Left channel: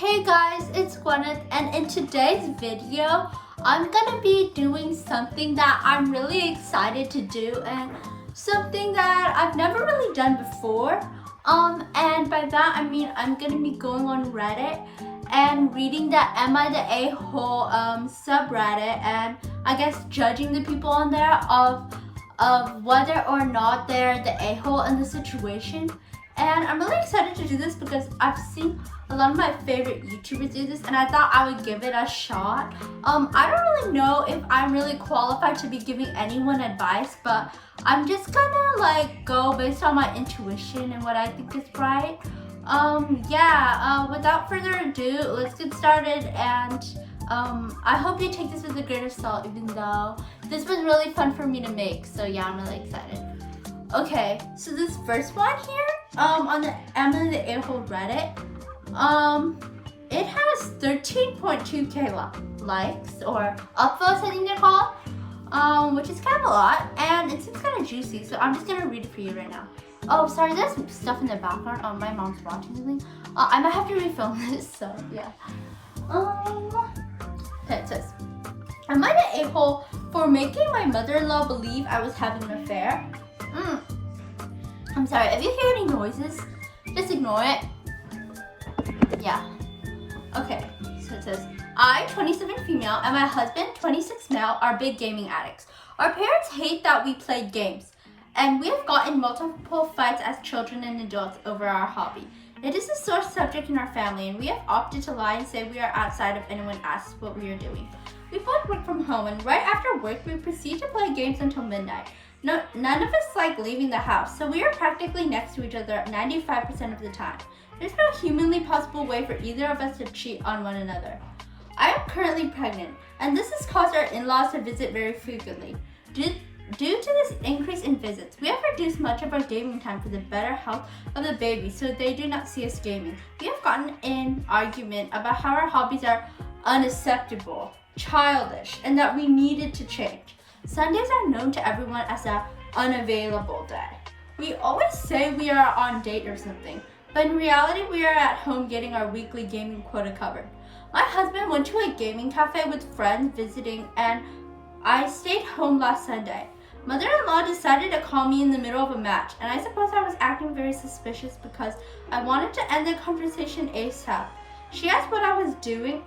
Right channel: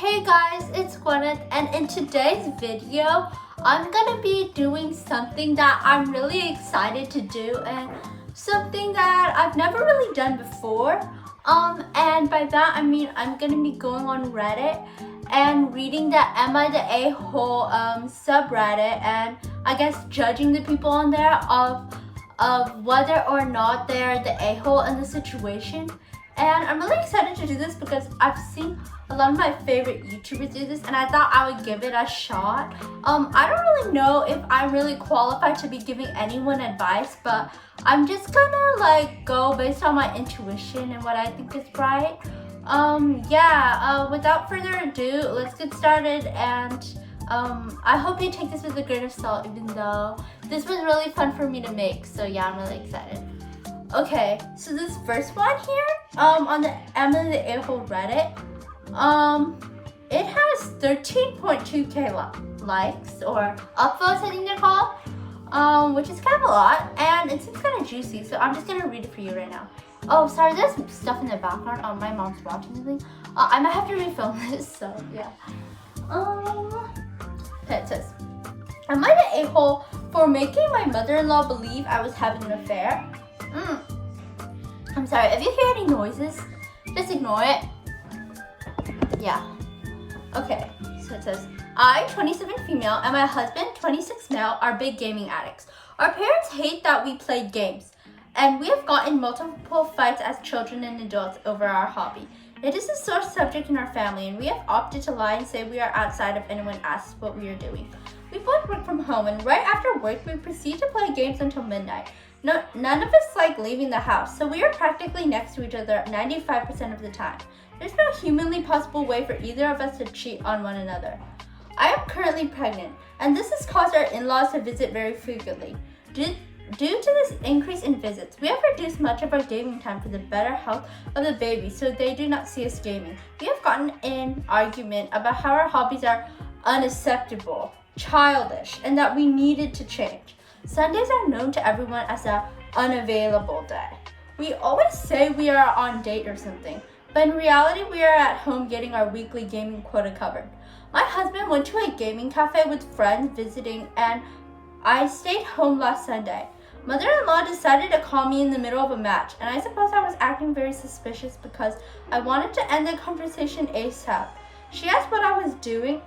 Hey guys, it's Gwyneth, and in today's video, I'm gonna be doing something that I'm really excited to do and something that I've never really done before. And by that I mean I'm gonna be going on Reddit and reading the Am I the A-hole subreddit, and I guess judging the people on there of whether or not they're the a-hole in the situation. And I'm really excited to do this because I've seen a lot of my favorite YouTubers do this, and I thought I would give it a shot. I don't really know if I'm really qualified to be giving anyone advice, but I'm just gonna go based on my intuition and what I think is right. Without further ado, let's get started, and I hope you take this with a grain of salt, even though this was really fun for me to make. So yeah, I'm really excited. Okay, so this first one here, on the Am I the A-hole Reddit, it has 13.2k likes, or upvotes I think they're called, which is kind of a lot, and it seems kind of juicy, so I'm just gonna read it for you right now. Oh, sorry, there's some stuff in the background. My mom's watching something. I might have to refilm this, so yeah. Okay, it says, am I the a-hole for making my mother-in-law believe I was having an affair? I'm sorry, if you hear any noises, just ignore it. Yeah. Okay, so it says, I, 27 female, and my husband, 26 male, are big gaming addicts. Our parents hate that we play games, and we have gotten multiple fights as children and adults over our hobby. It is a sore subject in our family, and we have opted to lie and say we are outside if anyone asks what we are doing. We both work from home, and right after work, we proceed to play games until midnight. None of us like leaving the house, so we are practically next to each other 95% of the time. There's no humanly possible way for either of us to cheat on one another. I am currently pregnant, and this has caused our in-laws to visit very frequently. Due to this increase in visits, we have reduced much of our gaming time for the better health of the baby, so they do not see us gaming. We have gotten in an argument about how our hobbies are unacceptable, childish, and that we needed to change. Sundays are known to everyone as an unavailable day. We always say we are on date or something, but in reality we are at home getting our weekly gaming quota covered. My husband went to a gaming cafe with friends visiting, and I stayed home last Sunday. Mother-in-law decided to call me in the middle of a match, and I suppose I was acting very suspicious because I wanted to end the conversation ASAP. She asked what I was doing,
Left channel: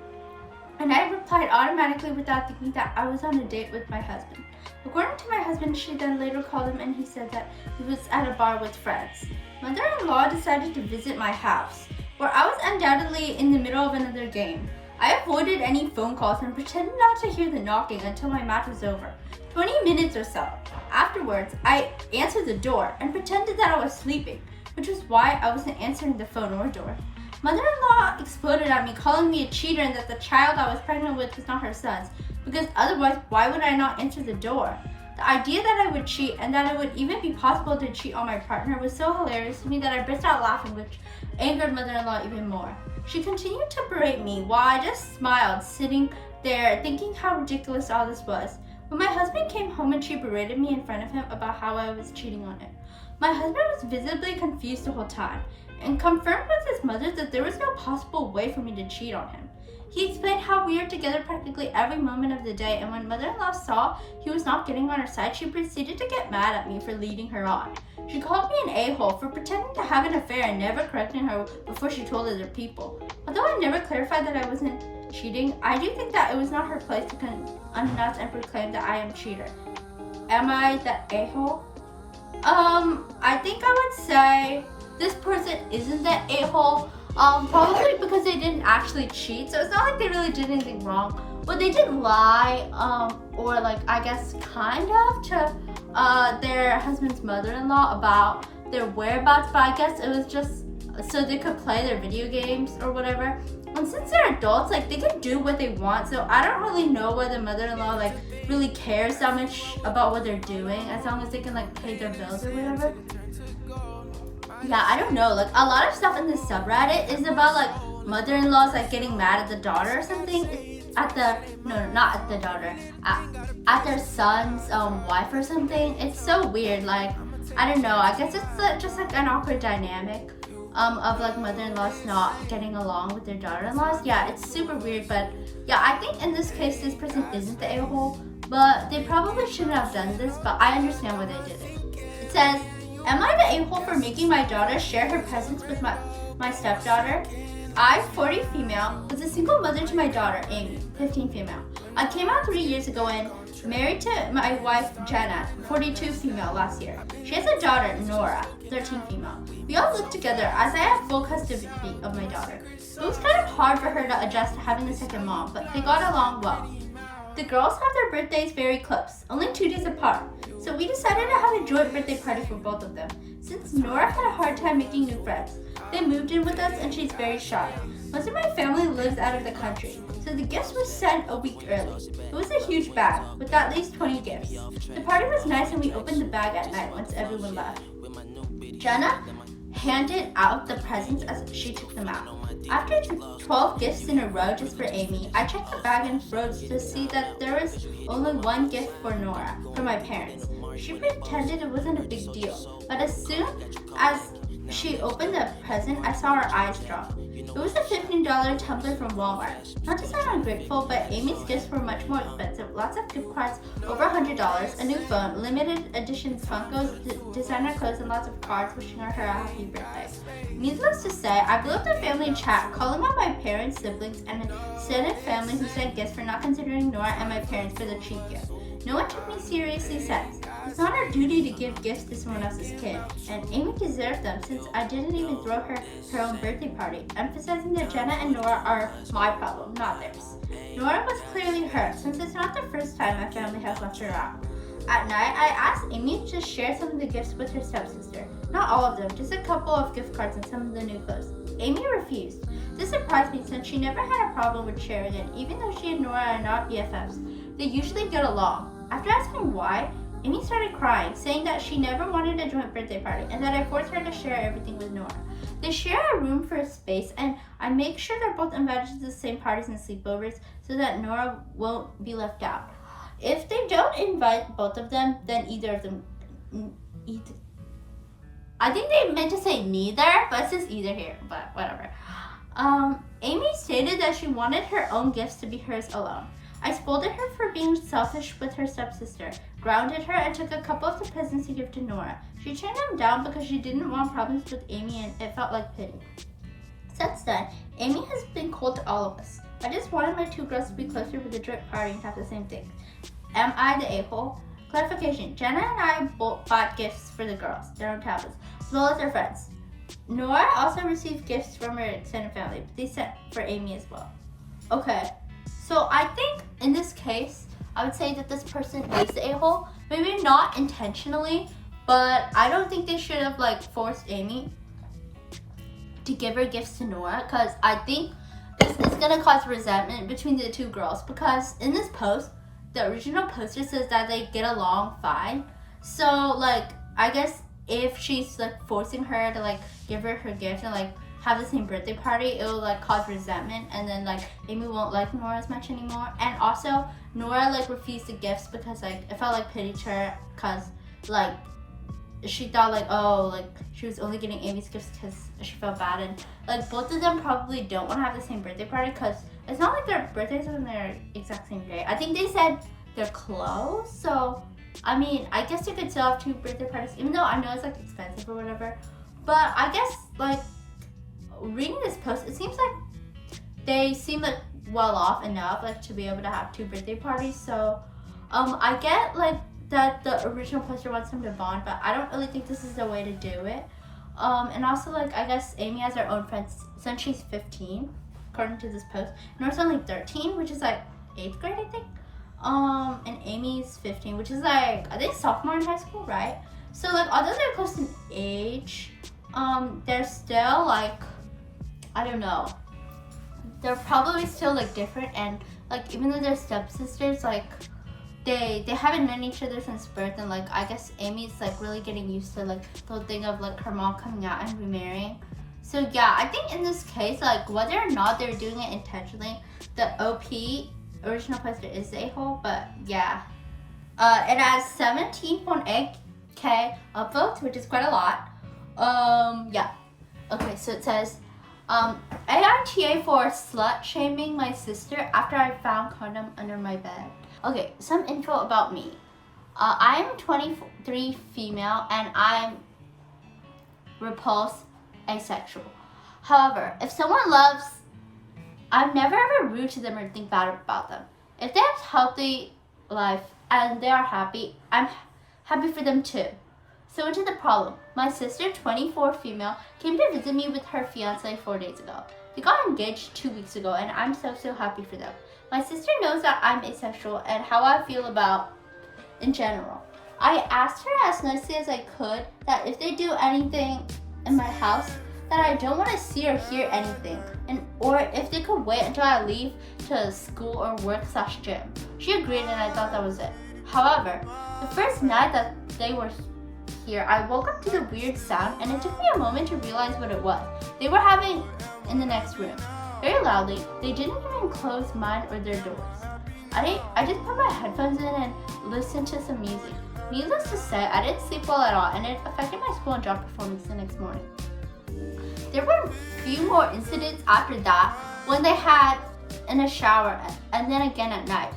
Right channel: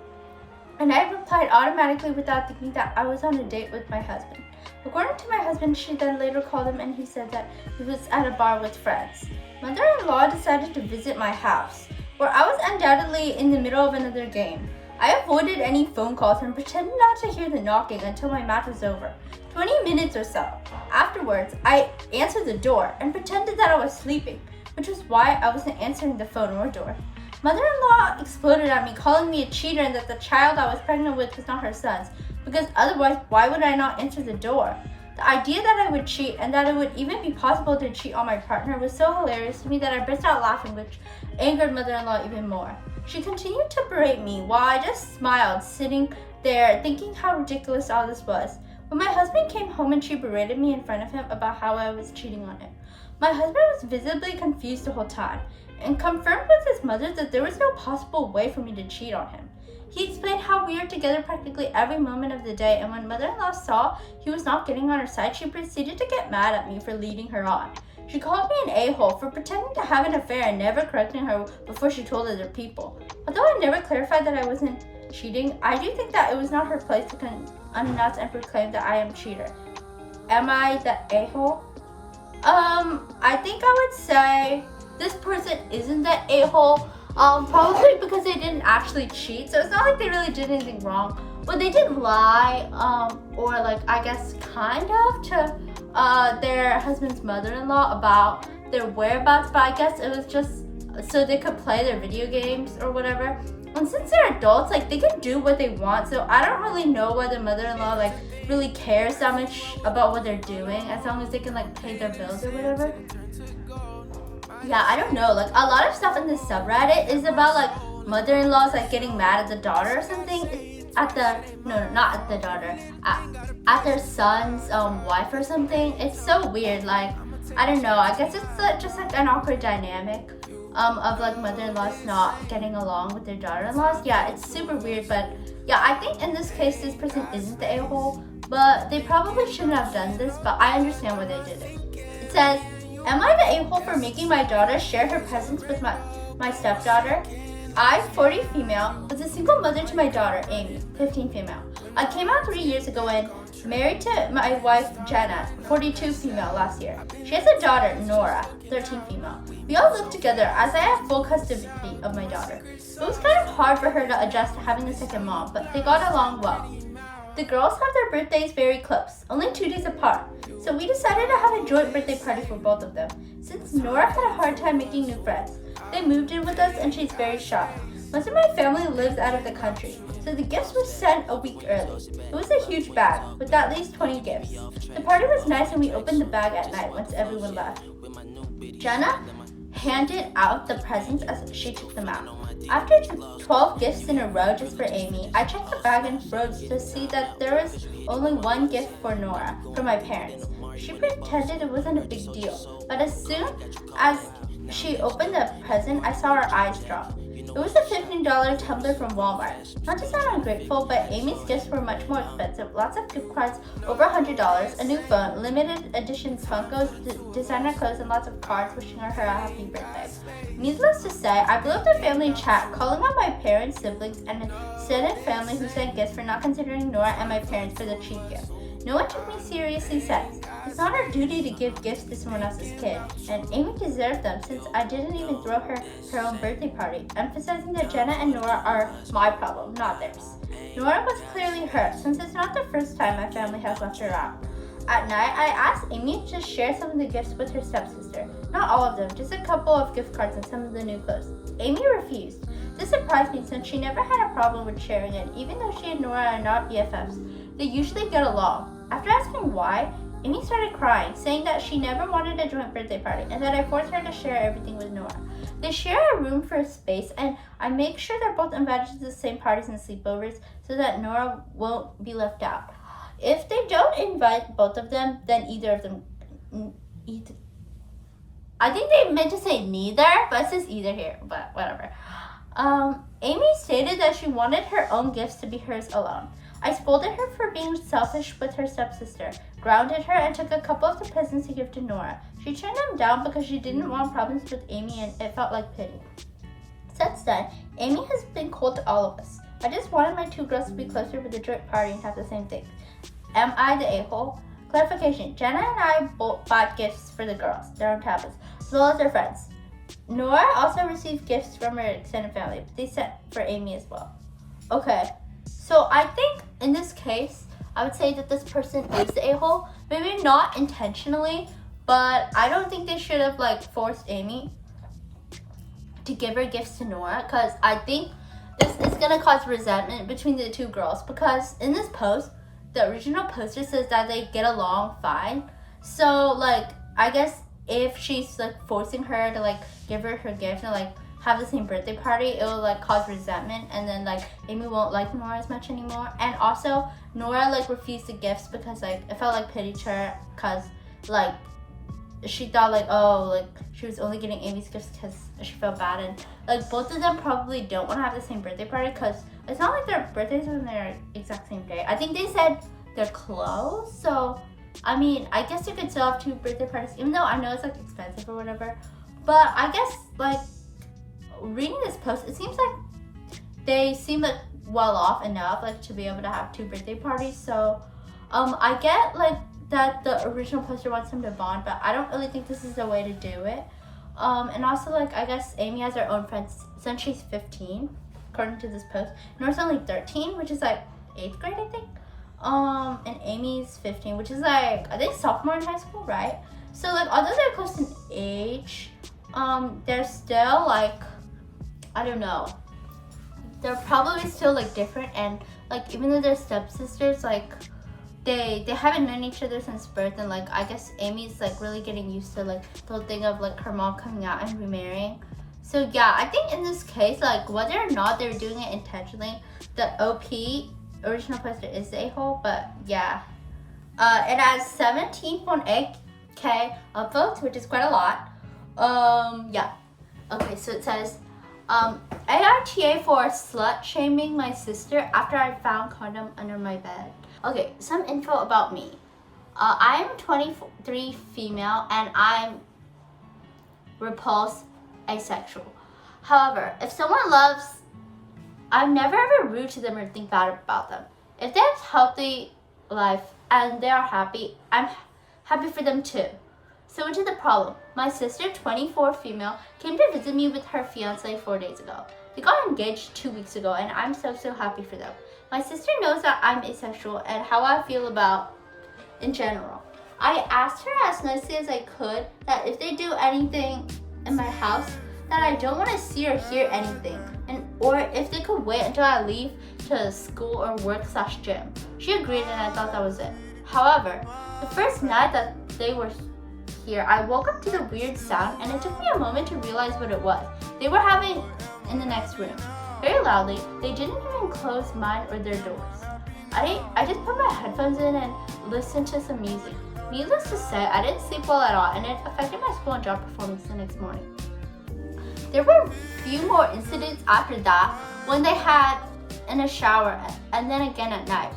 and I replied automatically without thinking that I was on a date with my husband. According to my husband, she then later called him and he said that he was at a bar with friends. Mother-in-law decided to visit my house, where I was undoubtedly in the middle of another game. I avoided any phone calls and pretended not to hear the knocking until my match was over, 20 minutes or so. Afterwards, I answered the door and pretended that I was sleeping, which was why I wasn't answering the phone or door. Mother-in-law exploded at me, calling me a cheater and that the child I was pregnant with was not her son's, because otherwise, why would I not answer the door? The idea that I would cheat and that it would even be possible to cheat on my partner was so hilarious to me that I burst out laughing, which angered mother-in-law even more. She continued to berate me while I just smiled, sitting there thinking how ridiculous all this was. When my husband came home and she berated me in front of him about how I was cheating on him, my husband was visibly confused the whole time and confirmed with his mother that there was no possible way for me to cheat on him. He explained how we are together practically every moment of the day, and when mother-in-law saw he was not getting on her side, she proceeded to get mad at me for leading her on. She called me an a-hole for pretending to have an affair and never correcting her before she told other people. Although I never clarified that I wasn't cheating, I do think that it was not her place to announce and proclaim that I am a cheater. Am I the a-hole? I think I would say this person isn't the a-hole, probably because they didn't actually cheat, so it's not like they really did anything wrong. But they did lie, or I guess kind of, to their husband's mother-in-law about their whereabouts, but I guess it was just so they could play their video games or whatever. And since they're adults, they can do what they want, so I don't really know whether mother-in-law really cares that much about what they're doing, as long as they can pay their bills or whatever. Yeah, I don't know, a lot of stuff in this subreddit is about mother-in-laws getting mad at the daughter or something. It's at not at the daughter, at their son's wife or something. It's so weird. I don't know, I guess it's just an awkward dynamic. of like mother-in-laws not getting along with their daughter-in-laws. Yeah, it's super weird, but yeah, I think in this case this person isn't the a-hole, but they probably shouldn't have done this, but I understand why they did it. It says, am I the a-hole for making my daughter share her presents with my stepdaughter? I, 40 female, was a single mother to my daughter, Amy, 15 female. I came out 3 years ago and married to my wife, Jenna, 42 female last year. She has a daughter, Nora, 13 female. We all live together as I have full custody of my daughter. It was kind of hard for her to adjust to having a second mom, but they got along well. The girls have their birthdays very close, only 2 days apart, so we decided to have a joint birthday party for both of them. Since Nora had a hard time making new friends, they moved in with us and she's very shy. Most of my family lives out of the country, so the gifts were sent a week early. It was a huge bag, with at least 20 gifts. The party was nice and we opened the bag at night once everyone left. Jenna handed out the presents as she took them out. After 12 gifts in a row just for Amy, I checked the bag and froze to see that there was only one gift for Nora, from my parents. She pretended it wasn't a big deal, but as soon as she opened the present, I saw her eyes drop. It was a $15 tumbler from Walmart. Not to sound ungrateful, but Amy's gifts were much more expensive. Lots of gift cards, over $100, a new phone, limited edition Funkos, designer clothes, and lots of cards wishing her a happy birthday. Needless to say, I blew up the family chat, calling on my parents, siblings, and extended family who sent gifts for not considering Nora and my parents for the cheap gift. No one took me seriously since. It's not our duty to give gifts to someone else's kid, and Amy deserved them since I didn't even throw her own birthday party, emphasizing that Jenna and Nora are my problem, not theirs. Nora was clearly hurt since it's not the first time my family has left her out. At night, I asked Amy to share some of the gifts with her stepsister. Not all of them, just a couple of gift cards and some of the new clothes. Amy refused. This surprised me since she never had a problem with sharing it, even though she and Nora are not BFFs. They usually get along. After asking why, Amy started crying, saying that she never wanted a joint birthday party and that I forced her to share everything with Nora. They share a room for a space, and I make sure they're both invited to the same parties and sleepovers so that Nora won't be left out. If they don't invite both of them, then either of them... I think they meant to say neither, but it says either here, but whatever. Amy stated that she wanted her own gifts to be hers alone. I scolded her for being selfish with her stepsister, grounded her, and took a couple of the presents to give to Nora. She turned them down because she didn't want problems with Amy and it felt like pity. Since then, Amy has been cold to all of us. I just wanted my two girls to be closer with the joint party and have the same thing. Am I the a-hole? Clarification, Jenna and I bought gifts for the girls, their own tablets, as well as their friends. Nora also received gifts from her extended family, but they sent for Amy as well. Okay. So I think in this case, I would say that this person is the a-hole. Maybe not intentionally, but I don't think they should have forced Amy to give her gifts to Nora, because I think this is gonna cause resentment between the two girls, because in this post, the original poster says that they get along fine. So I guess if she's forcing her to give her gift and have the same birthday party, it will cause resentment, and then Amy won't like Nora as much anymore. And also Nora refused the gifts because it felt like pity to her, because she thought she was only getting Amy's gifts because she felt bad, and both of them probably don't want to have the same birthday party because it's not like their birthdays are on their exact same day. I think they said they're close, so I mean, I guess you could still have two birthday parties, even though I know it's expensive or whatever. But I guess reading this post, it seems like they seem well off enough to be able to have two birthday parties. So I get that the original poster wants them to bond, but I don't really think this is the way to do it. And also I guess Amy has her own friends since she's 15, according to this post. Nora's only 13, which is 8th grade, I think. And Amy's 15, which is I think sophomore in high school, right? So although they're close in age, they're still I don't know. They're probably still different, and even though they're stepsisters, they haven't known each other since birth, and I guess Amy's really getting used to the whole thing of her mom coming out and remarrying. So yeah, I think in this case, whether or not they're doing it intentionally, the OP original poster is the a-hole, but yeah. It has 17.8k upvotes, which is quite a lot. Yeah. Okay, so it says, AITA for slut shaming my sister after I found condom under my bed. Okay, some info about me. I'm 23 female and I'm repulsed asexual. However, if someone loves, I'm never ever rude to them or think bad about them. If they have a healthy life and they are happy, I'm happy for them too. So into the problem. My sister, 24 female, came to visit me with her fiance 4 days ago. They got engaged 2 weeks ago and I'm so happy for them. My sister knows that I'm asexual and how I feel about in general. I asked her as nicely as I could that if they do anything in my house, that I don't want to see or hear anything, and or if they could wait until I leave to school or work/gym. She agreed and I thought that was it. However, the first night that they were here, I woke up to the weird sound and it took me a moment to realize what it was. They were having in the next room. Very loudly, they didn't even close mine or their doors. I just put my headphones in and listened to some music. Needless to say, I didn't sleep well at all and it affected my school and job performance the next morning. There were a few more incidents after that when they had in a shower and then again at night.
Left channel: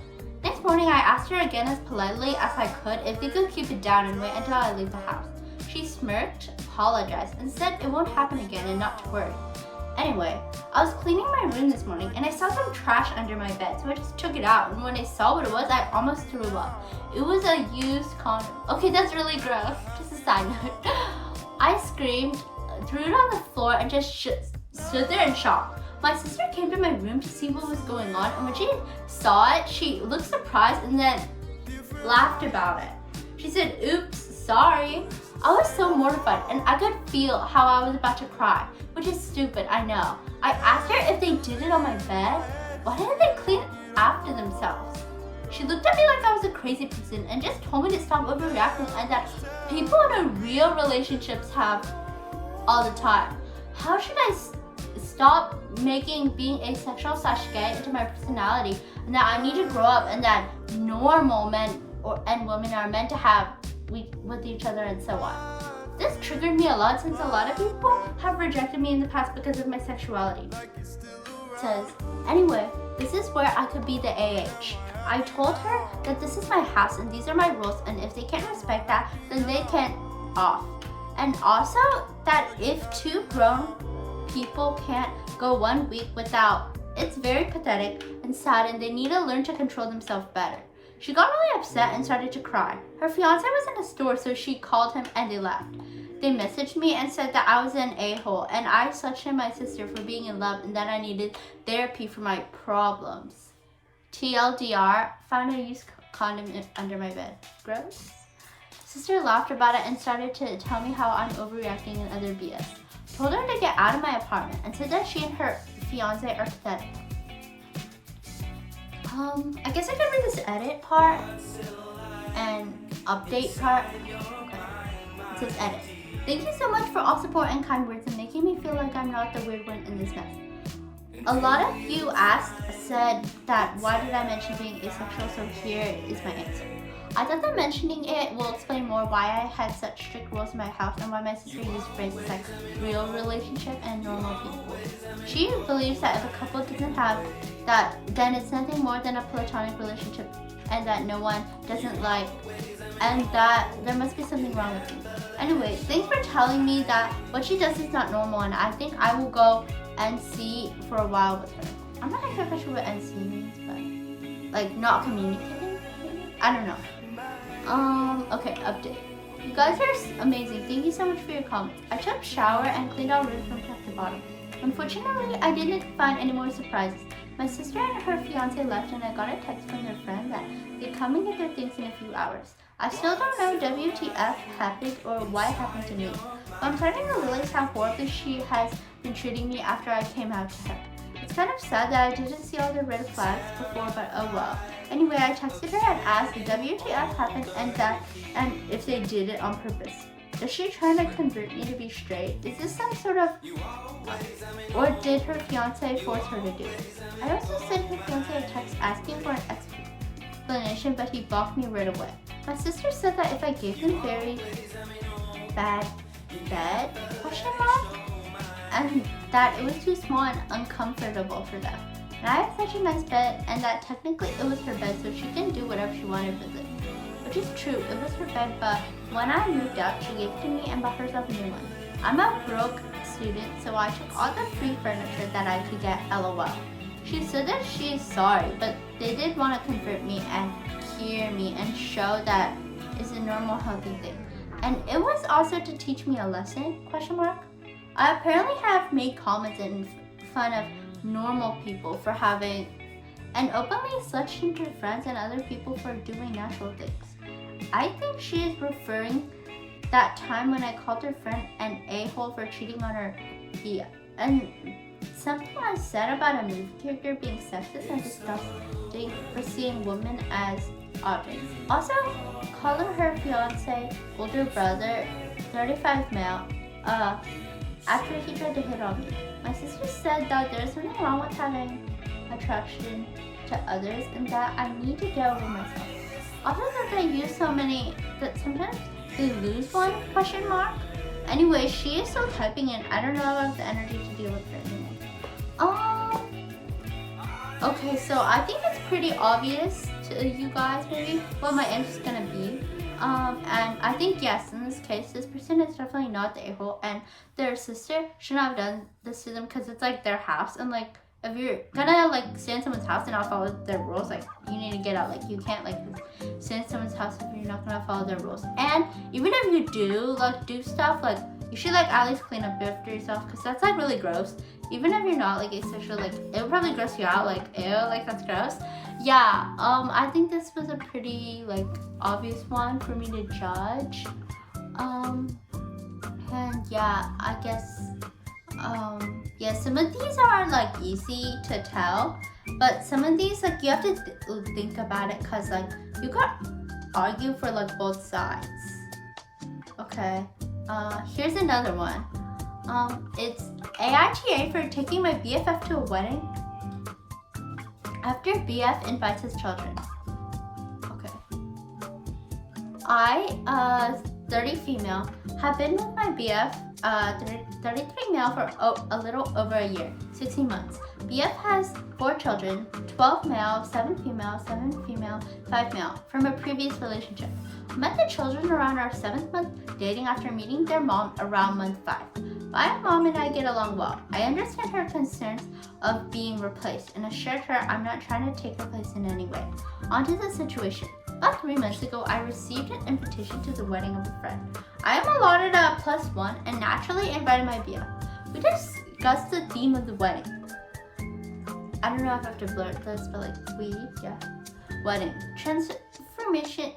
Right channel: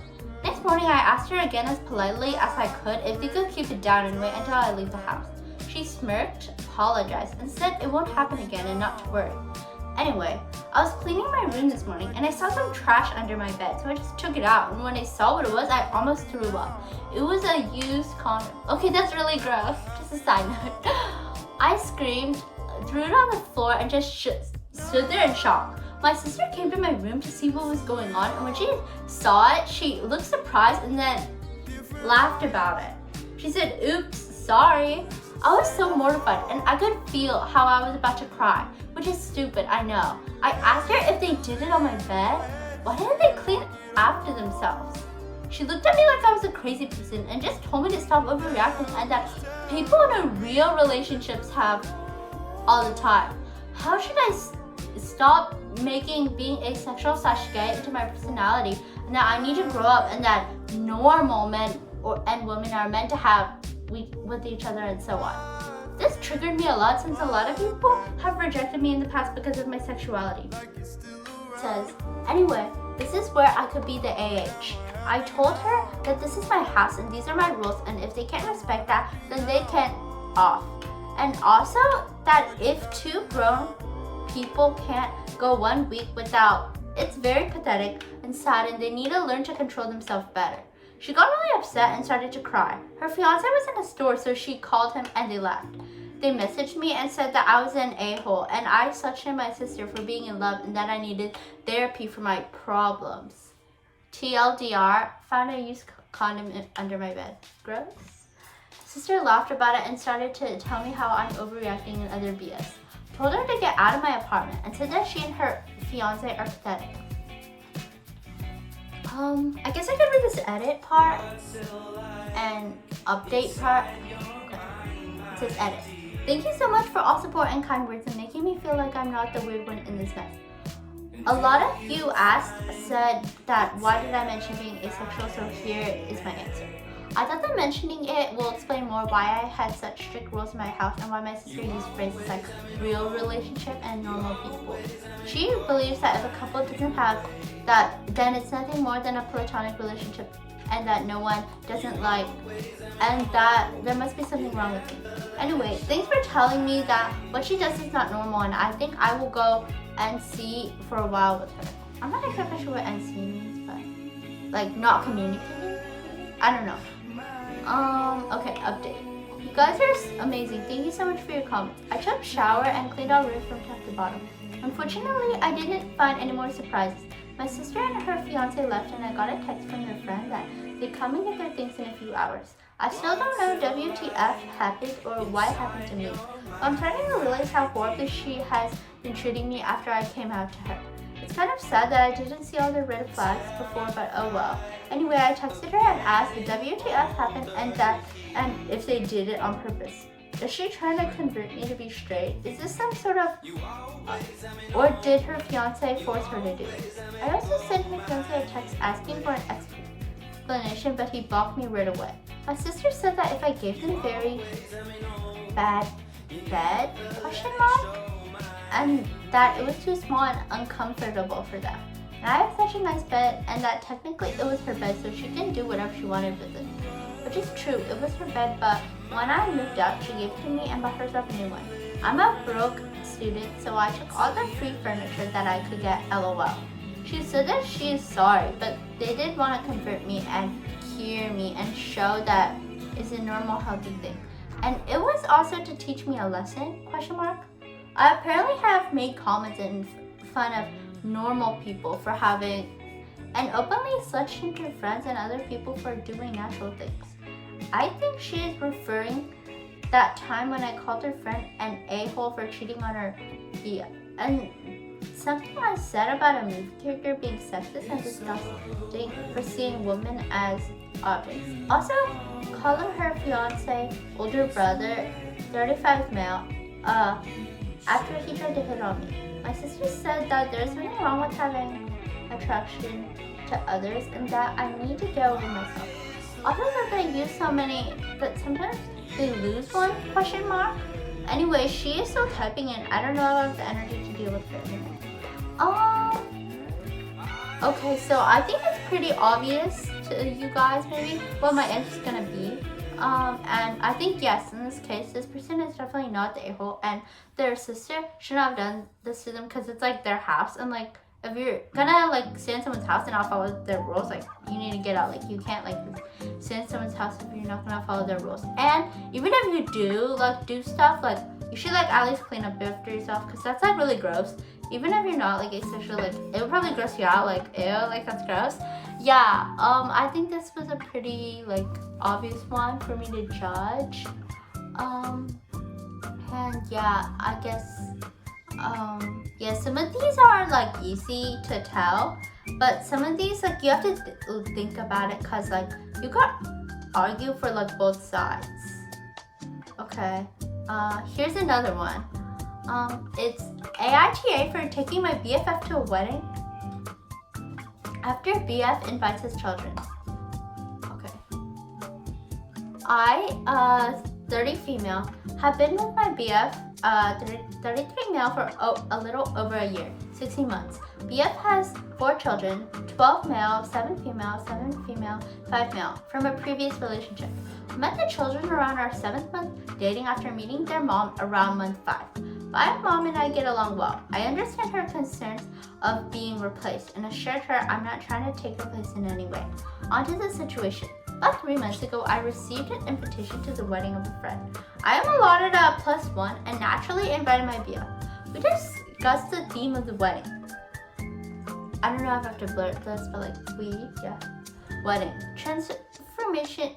Next morning, I asked her again as politely as I could if they could keep it down and wait until I leave the house. She smirked, apologized, and said it won't happen again and not to worry. Anyway, I was cleaning my room this morning and I saw some trash under my bed, so I just took it out, and when I saw what it was, I almost threw up. It was a used condom. Okay, that's really gross. Just a side note. I screamed, threw it on the floor, and just stood there in shock. My sister came to my room to see what was going on, and when she saw it, she looked surprised and then laughed about it. She said, "Oops, sorry." I was so mortified and I could feel how I was about to cry, which is stupid, I know. I asked her if they did it on my bed. Why didn't they clean after themselves? She looked at me like I was a crazy person and just told me to stop overreacting and that people in a real relationships have all the time. How should I stop making being asexual/gay into my personality, and that I need to grow up and that normal men and women are meant to have with each other and so on. This triggered me a lot since a lot of people have rejected me in the past because of my sexuality. It says, anyway, this is where I could be the AH. I told her that this is my house and these are my rules, and if they can't respect that, then they can off. And also that if two grown people can't go 1 week without, it's very pathetic and sad and they need to learn to control themselves better. She got really upset and started to cry. Her fiance was in a store, so she called him and they left. They messaged me and said that I was an a-hole and I slut-shamed my sister for being in love and that I needed therapy for my problems. TLDR, found a used condom under my bed. Gross. Sister laughed about it and started to tell me how I'm overreacting and other BS. Told her to get out of my apartment and said that she and her fiance are pathetic. I guess I could read this edit part and update part. Okay. It says edit. Thank you so much for all support and kind words and making me feel like I'm not the weird one in this mess. A lot of you said that why did I mention being asexual, so here is my answer. I thought that mentioning it will explain more why I had such strict rules in my house and why my sister used phrases like real relationship and normal people. She believes that if a couple doesn't have that, then it's nothing more than a platonic relationship and that no one doesn't like, and that there must be something wrong with me. Anyway, thanks for telling me that what she does is not normal, and I think I will go NC for a while with her. I'm not sure if I sure what NC means, but like not communicating, maybe? I don't know. Okay, update. You guys are amazing. Thank you so much for your comments. I took a shower and cleaned our room from top to bottom. Unfortunately, I didn't find any more surprises. My sister and her fiance left and I got a text from their friend that they'd come and get their things in a few hours. I still don't know WTF happened or why it happened to me, but I'm starting to realize how horribly she has been treating me after I came out to her. It's kind of sad that I didn't see all the red flags before, but oh well. Anyway, I texted her and asked if WTF happened and if they did it on purpose. Is she trying to convert me to be straight? Is this some sort of, or did her fiance force her to do it? I also sent her fiance a text asking for an explanation, but he blocked me right away. My sister said that if I gave them very bad bed, and that it was too small and uncomfortable for them. And I have such a nice bed, and that technically it was her bed, so she can do whatever she wanted with it. Which is true, it was her bed, but when I moved out, she gave it to me and bought herself a new one. I'm a broke student, so I took all the free furniture that I could get, LOL. She said that she is sorry, but they did want to convert me and cure me and show that it's a normal, healthy thing. And it was also to teach me a lesson, ? I apparently have made comments in fun of normal people for having, and openly slut-shamed her friends and other people for doing natural things. I think she is referring that time when I called her friend an a-hole for cheating on her, and something I said about a movie character being sexist and disgusting for seeing women as objects. Also, calling her fiance, older brother, 35 male, after he tried to hit on me. My sister said that there's nothing wrong with having attraction to others and that I need to get over myself. Also that they use so many that sometimes they lose one, ? Anyway, she is still typing and I don't know if I have the energy to deal with it anymore. Okay, so I think it's pretty obvious to you guys maybe what my answer is gonna be. And I think yes, in this case, this person is definitely not the a-hole, and their sister shouldn't have done this to them because it's like their house, and like if you're gonna like stay in someone's house and not follow their rules, like you need to get out. Like you can't like stay in someone's house if you're not gonna follow their rules. And even if you do stuff, like you should like at least clean up after yourself because that's like really gross. Even if you're not like asexual, like it would probably gross you out. Like ew, like that's gross. Yeah, I think this was a pretty like obvious one for me to judge. And yeah, I guess yeah, some of these are like easy to tell, but some of these like you have to think about it because like you could argue for like both sides. Okay, here's another one. It's AITA for taking my BFF to a wedding after BF invites his children. Okay. I, 30 female, have been with my BF, 33 male for a little over a year, 16 months. BF has 4 children, 12 male, 7 female, 7 female, 5 male, from a previous relationship. Met the children around our 7th month dating after meeting their mom around month 5. My mom and I get along well. I understand her concerns of being replaced and assured her I'm not trying to take her place in any way. On to the situation. About 3 months ago, I received an invitation to the wedding of a friend. I am allotted a +1 and naturally invited my BF. We discussed the theme of the wedding. I don't know if I have to blur this, but like wedding. Transportation,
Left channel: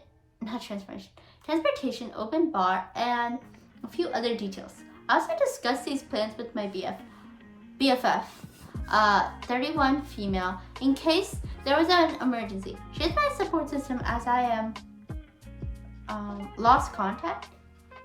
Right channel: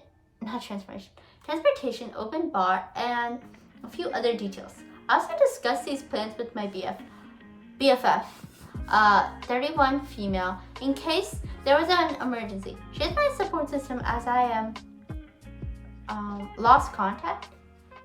open bar, and a few other details. I also discussed these plans with my BFF, 31 female, in case there was an emergency. She is my support system as I am lost contact,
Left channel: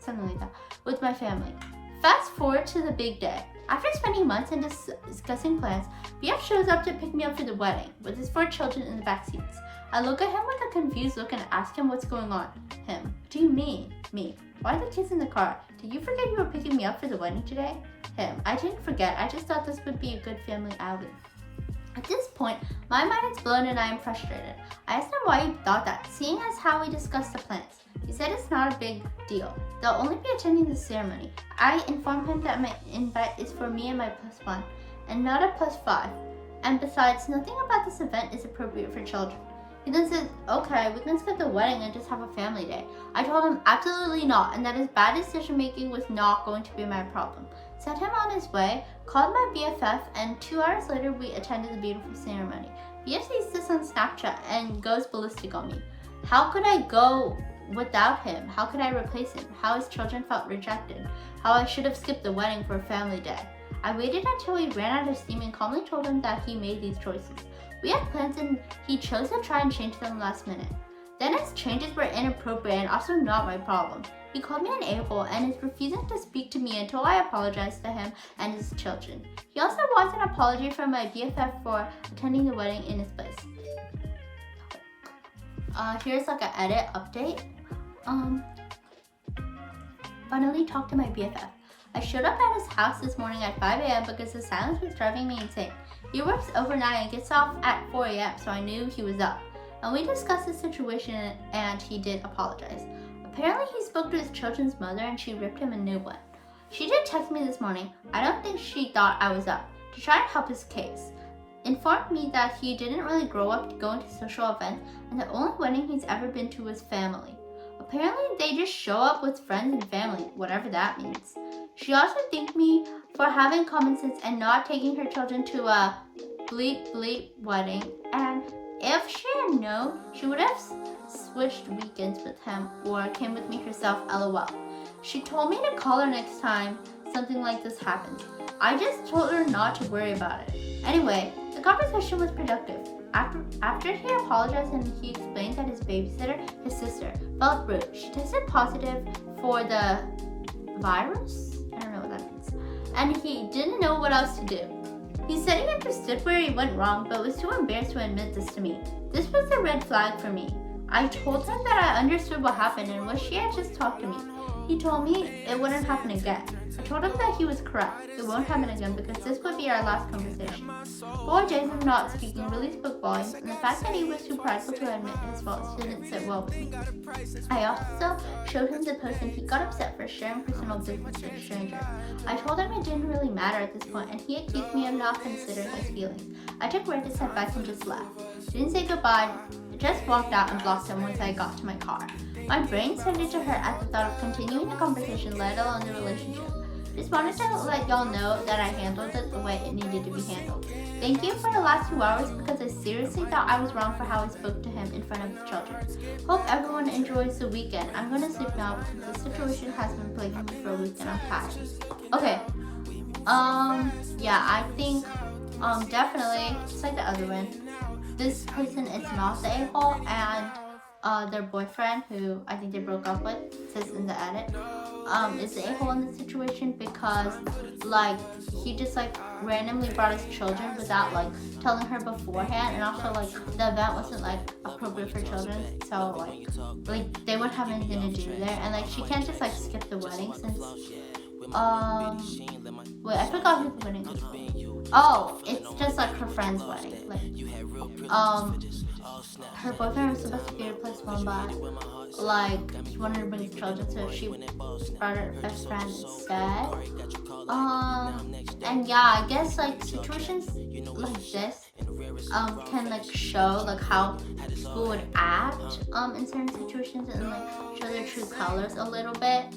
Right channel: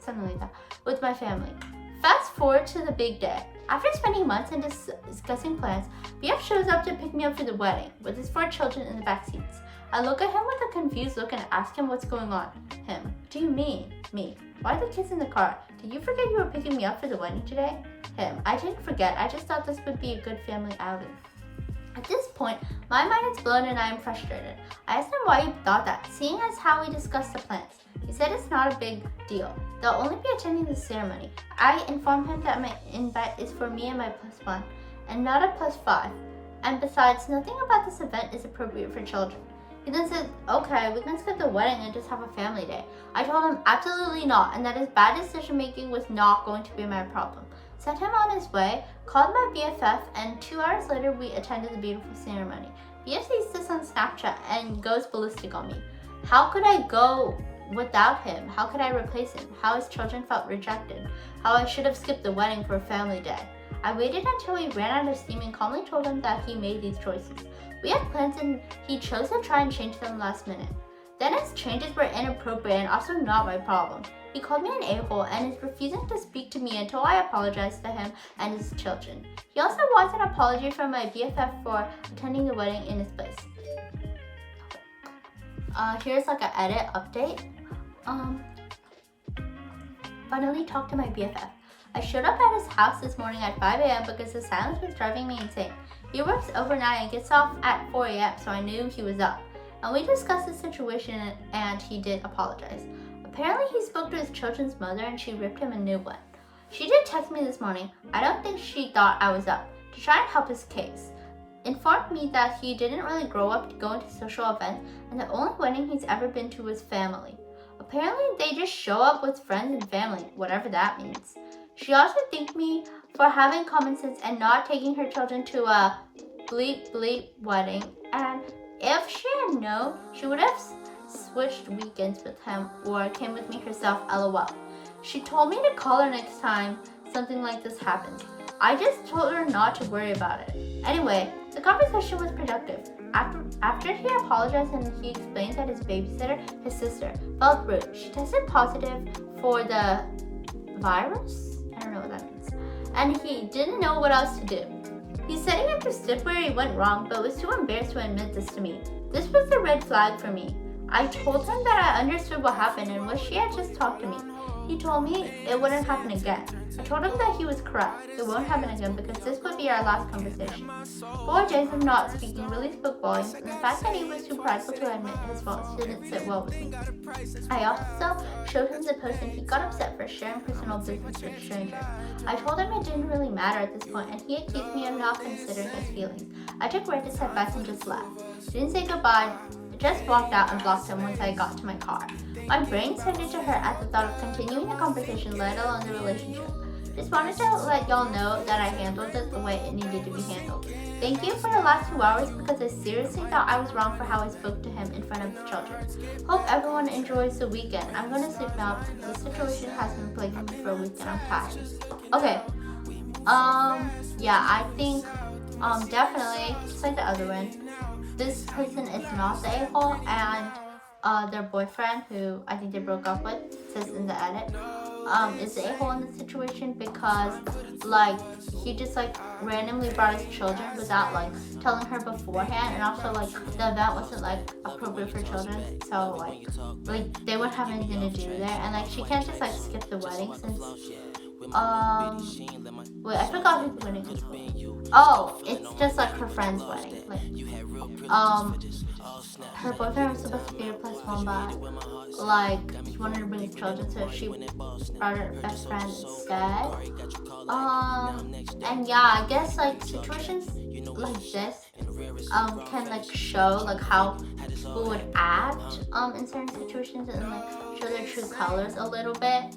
something like that, with my family. Fast forward to the big day. After spending months and discussing plans, BF shows up to pick me up for the wedding with his 4 children in the back seats. I look at him with a confused look and ask him what's going on. Him, what do you mean? Me, why are the kids in the car? Did you forget you were picking me up for the wedding today? Him, I didn't forget, I just thought this would be a good family outing. At this point, my mind is blown and I am frustrated. I asked him why he thought that, seeing as how we discussed the plans. He said it's not a big deal. They'll only be attending the ceremony. I informed him that my invite is for me and my +1, and not a +5. And besides, nothing about this event is appropriate for children. He then said, okay, we can skip the wedding and just have a family day. I told him absolutely not, and that his bad decision making was not going to be my problem. Sent him on his way, called my BFF, and 2 hours later we attended the beautiful ceremony. BF sees this on Snapchat and goes ballistic on me. How could I go without him? How could I replace him? How his children felt rejected? How I should have skipped the wedding for a family day? I waited until he ran out of steam and calmly told him that he made these choices. We had plans and he chose to try and change them last minute. Then his changes were inappropriate and also not my problem. He called me an a-hole and is refusing to speak to me until I apologize to him and his children. He also wants an apology from my BFF for attending the wedding in his place. Here's like an edit update. Finally talked to my BFF. I showed up at his house this morning at 5 a.m. because the silence was driving me insane. He works overnight and gets off at 4 a.m., so I knew he was up. And we discussed the situation and he did apologize. Apparently he spoke to his children's mother and she ripped him a new one. She did text me this morning. I don't think she thought I was up, to try and help his case. Informed me that he didn't really grow up to go into social events and the only wedding he's ever been to was family. Apparently they just show up with friends and family, whatever that means. She also thanked me for having common sense and not taking her children to a bleep bleep wedding, and if she had known, she would have switched weekends with him or came with me herself, lol. She told me to call her next time something like this happens. I just told her not to worry about it. Anyway, the conversation was productive. After he apologized and he explained that his babysitter, his sister, felt rude. She tested positive for the virus? I don't know what that means. And he didn't know what else to do. He said he understood where he went wrong but was too embarrassed to admit this to me. This was a red flag for me. I told him that I understood what happened and wished he had just talked to me. He told me it wouldn't happen again. I told him that he was correct. It won't happen again because this would be our last conversation. 4 days of not speaking really spoke volumes, and the fact that he was too prideful to admit his faults didn't sit well with me. I also showed him the post and he got upset for sharing personal business with strangers. I told him it didn't really matter at this point and he accused me of not considering his feelings. I took Reddit's advice and just left. Didn't say goodbye, just walked out and blocked him once I got to my car. My brain tended to hurt at the thought of continuing the conversation, let alone the relationship. Just wanted to let y'all know that I handled it the way it needed to be handled. Thank you for the last 2 hours because I seriously thought I was wrong for how I spoke to him in front of the children. Hope everyone enjoys the weekend. I'm going to sleep now because the situation has been plaguing me for a week and I'm tired. Okay. Yeah, I think definitely, just like the other one, this person is not the a-hole, and their boyfriend, who I think they broke up with, says in the edit, is the a-hole in this situation because, like, he just, like, randomly brought his children without, like, telling her beforehand, and also, like, the event wasn't, like, appropriate for children, so, like, they wouldn't have anything to do there, and, like, she can't just, like, skip the wedding since, wait, I forgot who's the wedding is. Oh, it's just, like, her friend's wedding, like, her boyfriend was supposed to be replaced one by, like, she wanted to bring his children, so she brought her best friend instead. And yeah, I guess, like, situations like this, can, like, show, like, how people would act, in certain situations and, like, show their true colors a little bit.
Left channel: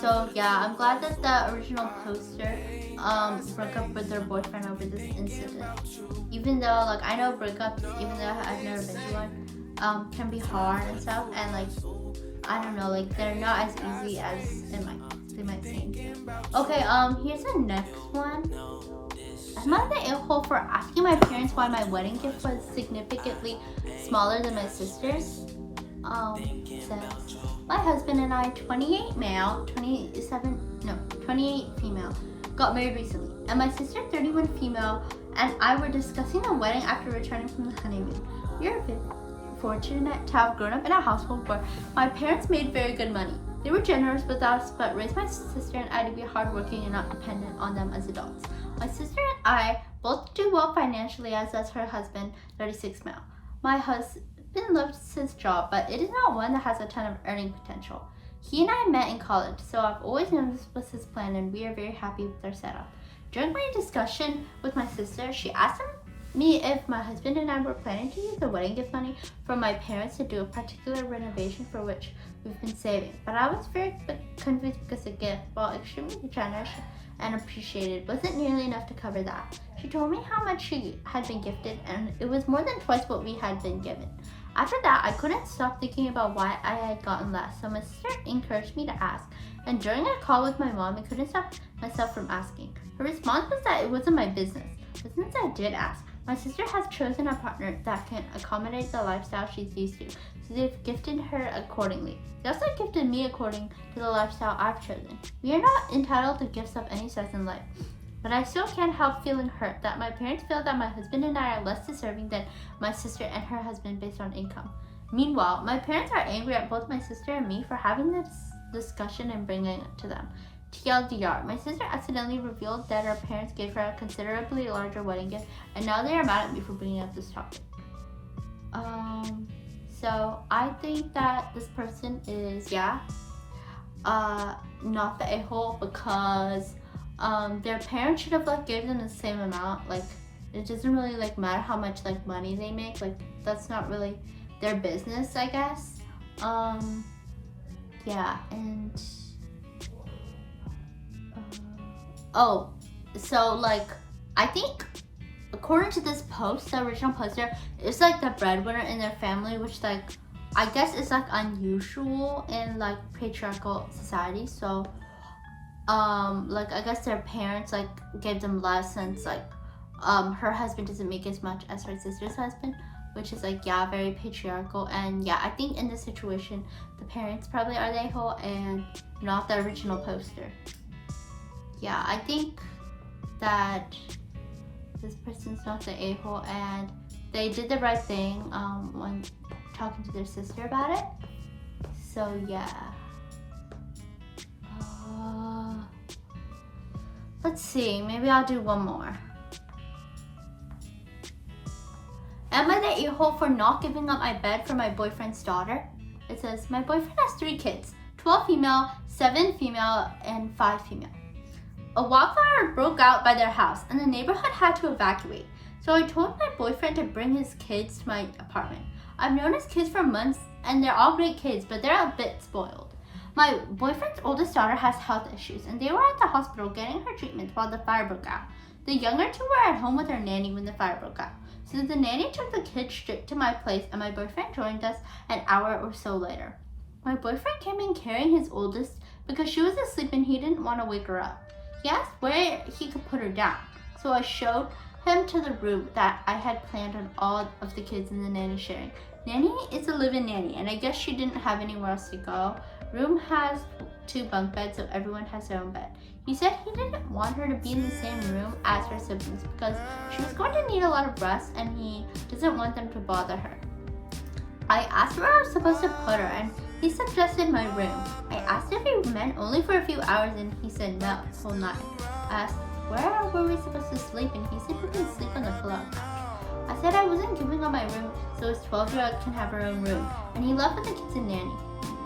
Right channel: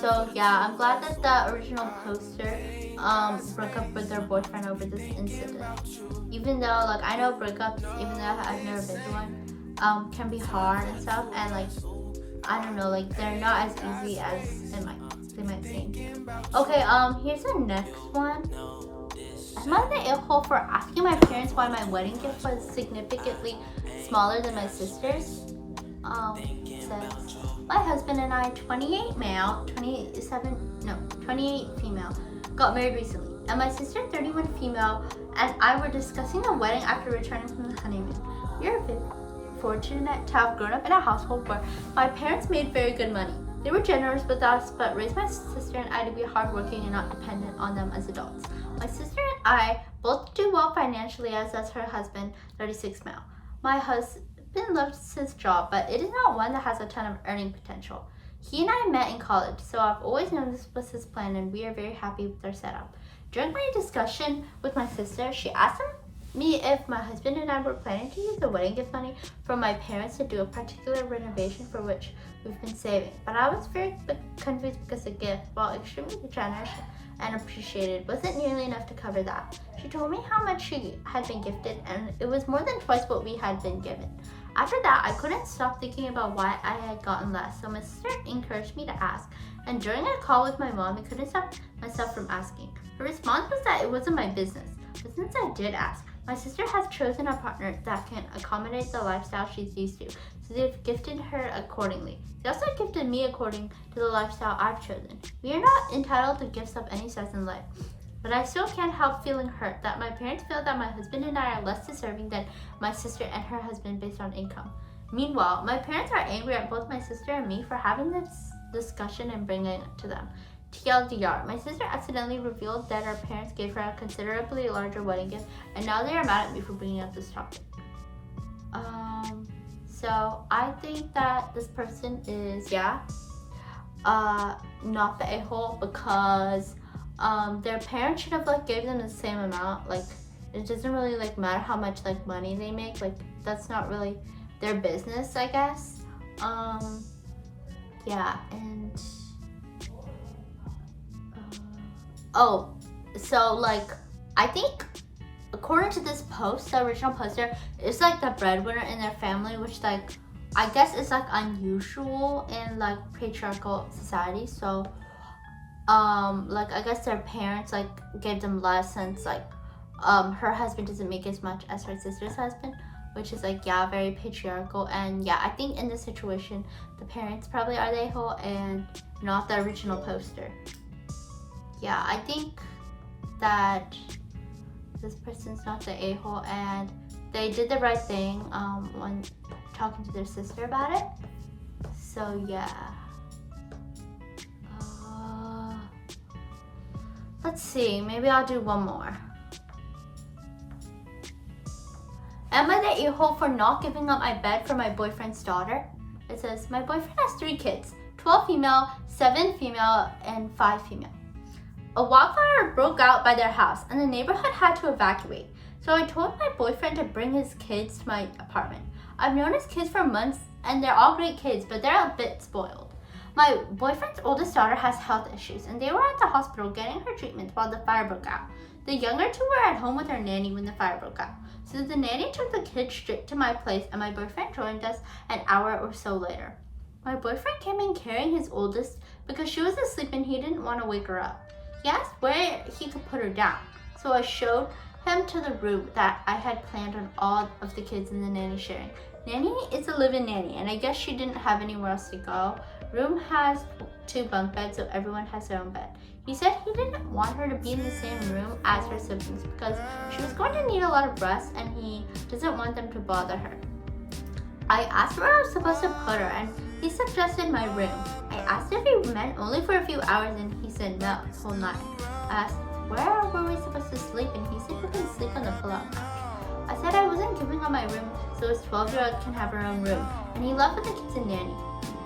So, yeah, I'm glad that the original poster, broke up with their boyfriend over this incident. Even though, like, I know breakups, even though I've never been to one, can be hard and stuff, and, like, I don't know, like, they're not as easy as they might seem. Okay, here's the next one. Am I the a-hole for asking my parents why my wedding gift was significantly smaller than my sister's? Says, my husband and I, 28 male, 28 female, got married recently, and my sister, 31 female, and I were discussing the wedding after returning from the honeymoon. We are very fortunate to have grown up in a household where my parents made very good money. They were generous with us, but raised my sister and I to be hardworking and not dependent on them as adults. My sister and I both do well financially, as does her husband, 36 male. My husband loves his job, but it is not one that has a ton of earning potential. He and I met in college, so I've always known this was his plan, and we are very happy with our setup. During my discussion with my sister, she asked me if my husband and I were planning to use the wedding gift money from my parents to do a particular renovation for which we've been saving. But I was very confused because the gift, while extremely generous and appreciated, wasn't nearly enough to cover that. She told me how much she had been gifted, and it was more than twice what we had been given. After that, I couldn't stop thinking about why I had gotten less, so my sister encouraged me to ask, and during a call with my mom, I couldn't stop myself from asking. Her response was that it wasn't my business, but since I did ask, my sister has chosen a partner that can accommodate the lifestyle she's used to, so they've gifted her accordingly. They also gifted me according to the lifestyle I've chosen. We are not entitled to gifts of any size in life, but I still can't help feeling hurt that my parents feel that my husband and I are less deserving than my sister and her husband based on income. Meanwhile, my parents are angry at both my sister and me for having this discussion and bringing it to them. TLDR, my sister accidentally revealed that her parents gave her a considerably larger wedding gift, and now they are mad at me for bringing up this topic. So I think that this person is, not the a-hole, because their parents should have like gave them the same amount. Like, it doesn't really like matter how much like money they make. Like, that's not really their business, I guess. Yeah, and so like I think according to this post, the original poster, it's like the breadwinner in their family, which like I guess is like unusual in like patriarchal society. So like I guess their parents like gave them less, since like her husband doesn't make as much as her sister's husband, which is like, yeah, very patriarchal. And yeah, I think in this situation the parents probably are the a-hole and not the original poster. Yeah, I think that this person's not the a-hole, and they did the right thing when talking to their sister about it. So yeah. Let's see, maybe I'll do one more. Am I the a-hole for not giving up my bed for my boyfriend's daughter? It says, my boyfriend has 3 kids, 12 female, 7 female, and 5 female. A wildfire broke out by their house and the neighborhood had to evacuate. So I told my boyfriend to bring his kids to my apartment. I've known his kids for months and they're all great kids, but they're a bit spoiled. My boyfriend's oldest daughter has health issues and they were at the hospital getting her treatment while the fire broke out. The younger 2 were at home with their nanny when the fire broke out. So the nanny took the kids straight to my place and my boyfriend joined us an hour or so later. My boyfriend came in carrying his oldest because she was asleep and he didn't want to wake her up. He asked where he could put her down. So I showed him to the room that I had planned on all of the kids and the nanny sharing. Nanny is a live-in nanny and I guess she didn't have anywhere else to go. Room has 2 bunk beds, so everyone has their own bed. He said he didn't want her to be in the same room as her siblings because she was going to need a lot of rest and he doesn't want them to bother her. I asked where I was supposed to put her and he suggested my room. I asked if he meant only for a few hours and he said no, the whole night. I asked where were we supposed to sleep and he said we can sleep on the pull-out couch. I said I wasn't giving up my room so his 12-year-old can have her own room, and he left with the kids and nanny.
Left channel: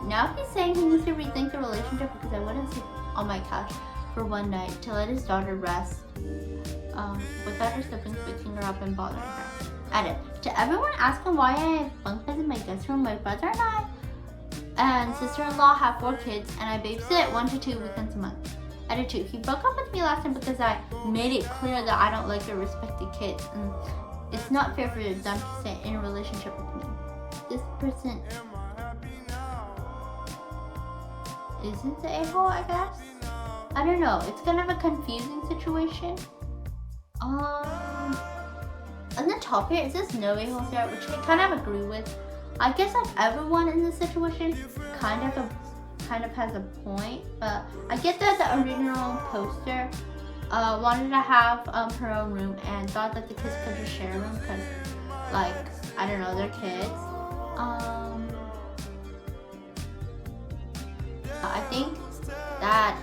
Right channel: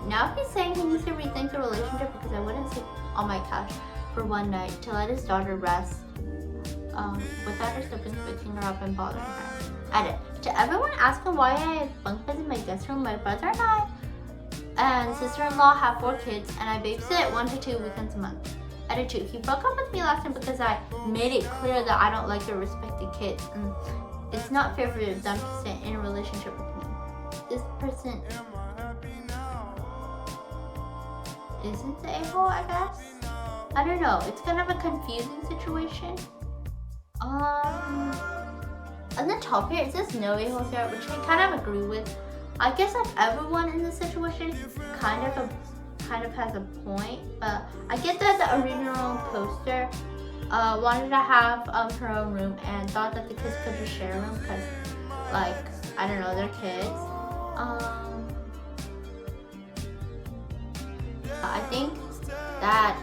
Now he's saying he needs to rethink the relationship because I wouldn't sleep on my couch for one night to let his daughter rest without her siblings waking her up and bothering her. Edit. To everyone asking why I have bunk beds in my guest room, my brother and I and sister-in-law have 4 kids and I babysit 1 to 2 weekends a month. Edit 2. He broke up with me last time because I made it clear that I don't like or respect the kids and it's not fair for them to stay in a relationship with me. This person isn't the a-hole, I guess? I don't know. It's kind of a confusing situation. On the top here, it says no a-holes here, which I kind of agree with. I guess like everyone in this situation kind of has a point, but I get that the original poster wanted to have her own room and thought that the kids could just share a room because, like, I don't know, they're kids. I think that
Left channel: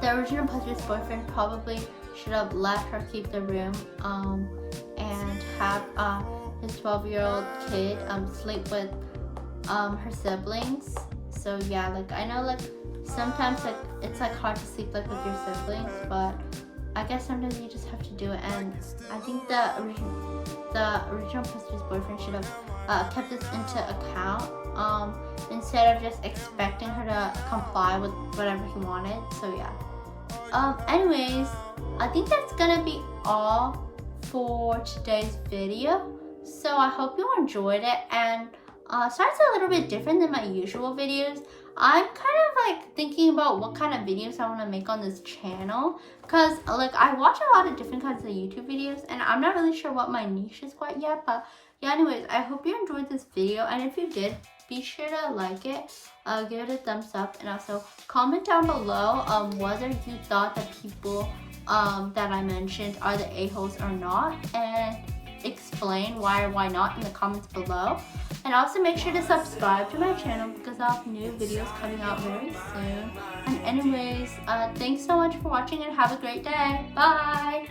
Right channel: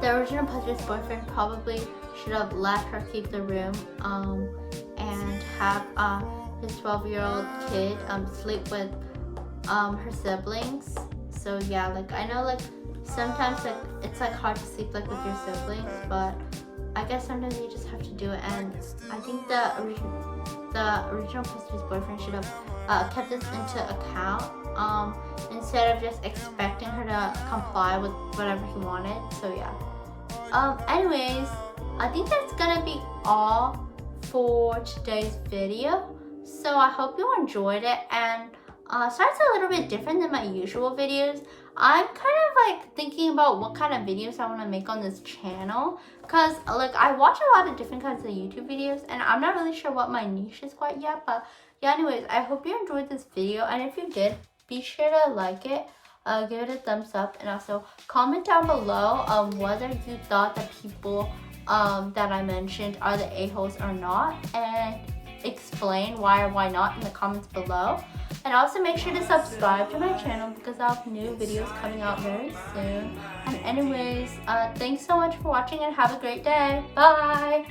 the original poster's boyfriend probably should have let her keep the room and have his 12-year-old kid sleep with her siblings. So yeah, like I know like sometimes like it's like hard to sleep like with your siblings, but I guess sometimes you just have to do it. And I think the original poster's boyfriend should have kept this into account instead of just expecting her to comply with whatever he wanted. So yeah. Anyways, I think that's gonna be all for today's video. So I hope you enjoyed it, and sorry it's a little bit different than my usual videos. I'm kind of like thinking about what kind of videos I want to make on this channel, because like I watch a lot of different kinds of YouTube videos and I'm not really sure what my niche is quite yet. But yeah, anyways, I hope you enjoyed this video, and if you did, be sure to like it, give it a thumbs up, and also comment down below whether you thought that people that I mentioned are the a-holes or not, and explain why or why not in the comments below. And also make sure to subscribe to my channel because I'll have new videos coming out very soon. And anyways, thanks so much for watching and have a great day. Bye!